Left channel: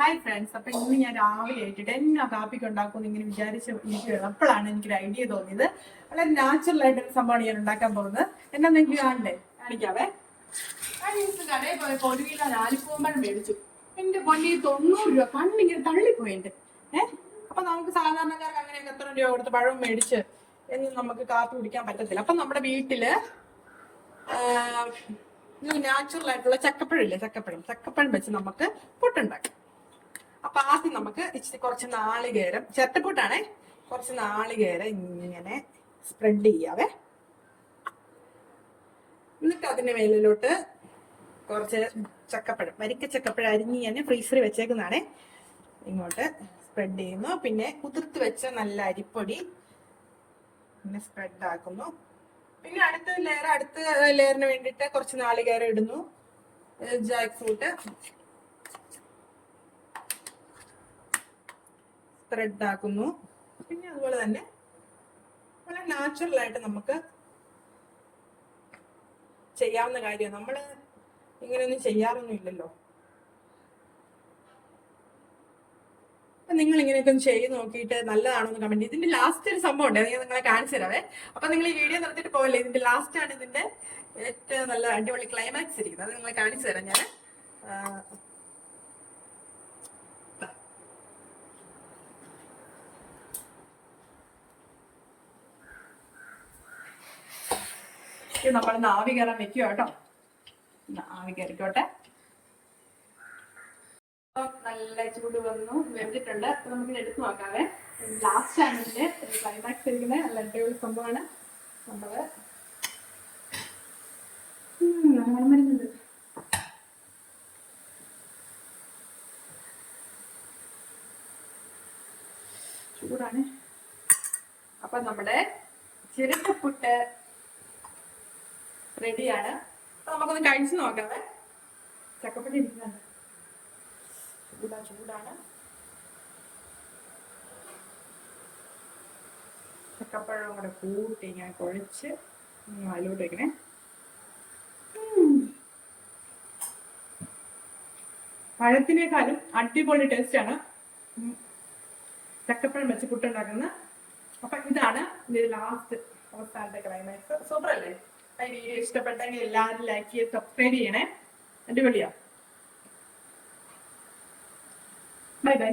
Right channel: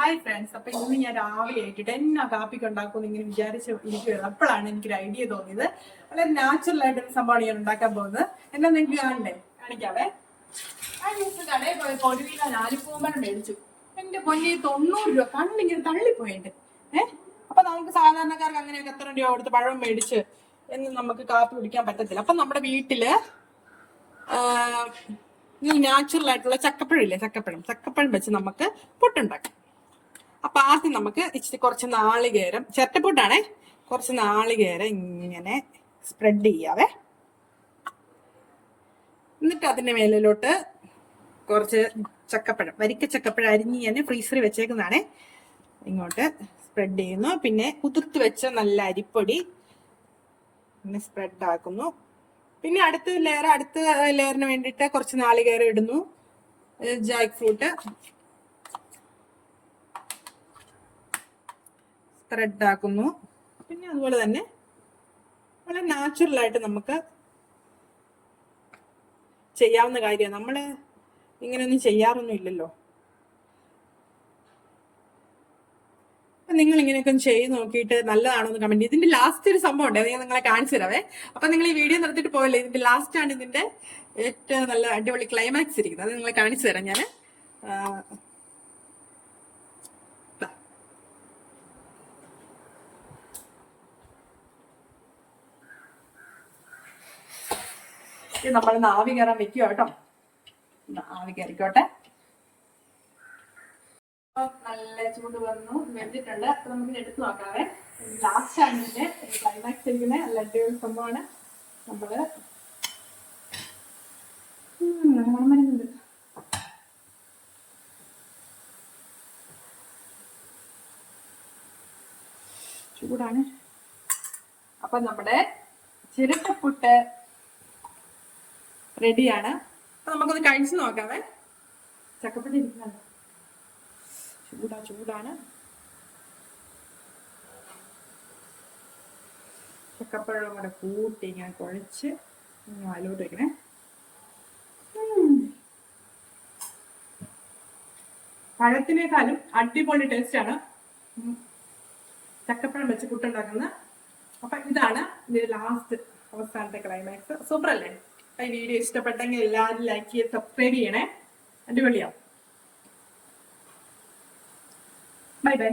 Hi friends. അപ്പൊ ഇന്ന് ഞാൻ രാവിലെ ആയിട്ടിട്ട് എന്നാ കാപ്പിക്ക് ഉണ്ടാക്കും ഇങ്ങനെ വിചാരിച്ച് ഇരിക്കുകയാണ്. അപ്പോഴാണ് എനിക്കൊരു ഐഡിയ തോന്നിയത്. വളരെ നാച്ചുറൽ ആയിട്ടൊരു സംഭവമാണ് ഞാൻ ഉണ്ടാക്കാൻ പോകുന്നത്. എന്നാ നിങ്ങൾക്ക് കാണണ്ടേ? കാണിക്കാവേ. കടയിൽ പോയപ്പോ ഒരു കിലോ ഞാലിപ്പൂമ്പഴം മേടിച്ചു. എന്റെ പൊന്നി 90 രൂപ. കണ്ണിങ്ങനെ തള്ളിപ്പോയിട്ട്. അപ്പൊ നമുക്ക് സാധാരണക്കാർക്ക് അങ്ങനെയൊക്കെ എത്ര രൂപ കൊടുത്ത് പഴം മേടിച്ച് എന്ന് നമുക്ക് കാപ്പി കുടിക്കാൻ പറ്റത്തില്ല. അപ്പൊ നമ്മുടെ വീട്ടില് ഈ നാച്ചുറൽ ആയിട്ടുള്ള ചക്കപ്പഴം ഇല്ലേ, ചക്കപ്പഴം വെച്ച് നമുക്ക് പുട്ടുണ്ടാക്കാം. അപ്പൊ ആദ്യം നമുക്ക് ഇച്ചിരി കുറച്ച് നാളികേരം, ചട്ടപ്പൂട്ടാണേ, കുറച്ച് നാളികേരം ഇങ്ങനെ സ്പ്രെഡ് ചെയ്യാവേ. എന്നിട്ട് അതിന്റെ മേലിലോട്ട് കുറച്ച് ചക്കപ്പഴം, വരിക്ക ചക്കപ്പഴം അരിഞ്ഞ് ഞാൻ ഫ്രീസറിൽ വെച്ചേക്കുന്നതാണേ, ഇങ്ങോട്ട് സ്പ്രെഡ് ചെയ്യുന്നു. പിന്നെ കുതിർത്ത് വെച്ച നല്ല അരിപ്പൊടി പിന്നെ സ്പ്രെഡ് ആക്കുന്നു. പിന്നെ അടുത്ത ലെയറിന് വേണ്ടിയിട്ട് കുറച്ച് നാളികേരം ഇടുന്നു, ജാക്ക് ഫ്രൂട്ട് സ്പ്രെഡ് ആക്കുന്നു. പിന്നെ അതുപോലെ തന്നെ വളരെ നാച്ചുറൽ ആയിട്ട് നമുക്ക് ചെയ്യാവുന്ന കാര്യമാണ്. നമ്മള് ഇങ്ങനെയൊന്നും ചെയ്യാറൊന്നും ഇല്ലല്ലോ. നിങ്ങൾ ഇങ്ങനെയൊക്കെ ചെയ്ത് നോക്കിയിട്ട് നല്ലതാണോ എന്ന് കമന്റ്. ഇതിന്റെ ലാസ്റ്റ് ഒരു സംഭവം ഉണ്ട്, ഞാൻ നിങ്ങളെ കാണിച്ചു തരാവേ. അപ്പൊ നിങ്ങൾ ഈ വീഡിയോ നിർത്തിയിട്ട് പോകല്ലേ, ഇതിന്റെ ലാസ്റ്റ് ആണ് ഇതിന്റെ ഏറ്റവും നല്ല അടിപൊളി ക്ലൈമാക്സ് ഇരിക്കുന്നത്. അത് നിങ്ങളെ കാണിച്ചു തരാം ഞാൻ. ഇത് നമ്മൾ ആവി കയറാൻ വെക്കുക കേട്ടോ. ആവി കയറിക്കോട്ടെ. നല്ല ചൂട് വന്നു, വെന്തിട്ടുണ്ട്. അപ്പൊ നമുക്ക് എടുത്ത് നോക്കാവേ. ലാസ്റ്റ് ആണ് ഇതിന്റെ ക്ലൈമാക്സ് ഇരിക്കുന്നത്. നല്ല അടിപൊളി സംഭവമാണ്. നമ്മള് മരുന്നുണ്ട്. ചൂടാണ്. അപ്പൊ നമ്മുടെ ചിരട്ടപ്പുട്ട് റെഡിയാണ്. അപ്പൊ നമുക്കൊന്ന് കഴിച്ചു നോക്കാവേ. ചക്കപ്പൊടി ഇരിക്കുന്നുണ്ട്, ചൂടാണ്. ചക്കപ്പഴം കൂടെ കൂട്ടി ഇങ്ങനെ കുഴച്ച് വാലോട്ട് വെക്കണേ. പഴത്തിനേക്കാളും അടിപൊളി ടേസ്റ്റ് ആണ് ചക്കപ്പഴം വെച്ച് പുട്ടുണ്ടാക്കുന്നത്. അപ്പൊ ഇതാണ് ഇത് ലാസ്റ്റ് അവസാനത്തെ ക്ലൈമാക്സ്. സൂപ്പർ അല്ലേ? ഈ വീഡിയോ ഇഷ്ടപ്പെട്ടെങ്കിൽ എല്ലാവരും ലൈക്ക് ചെയ്ത് സബ്സ്ക്രൈബ് ചെയ്യണേ. അടിപൊളിയാ. Bye bye.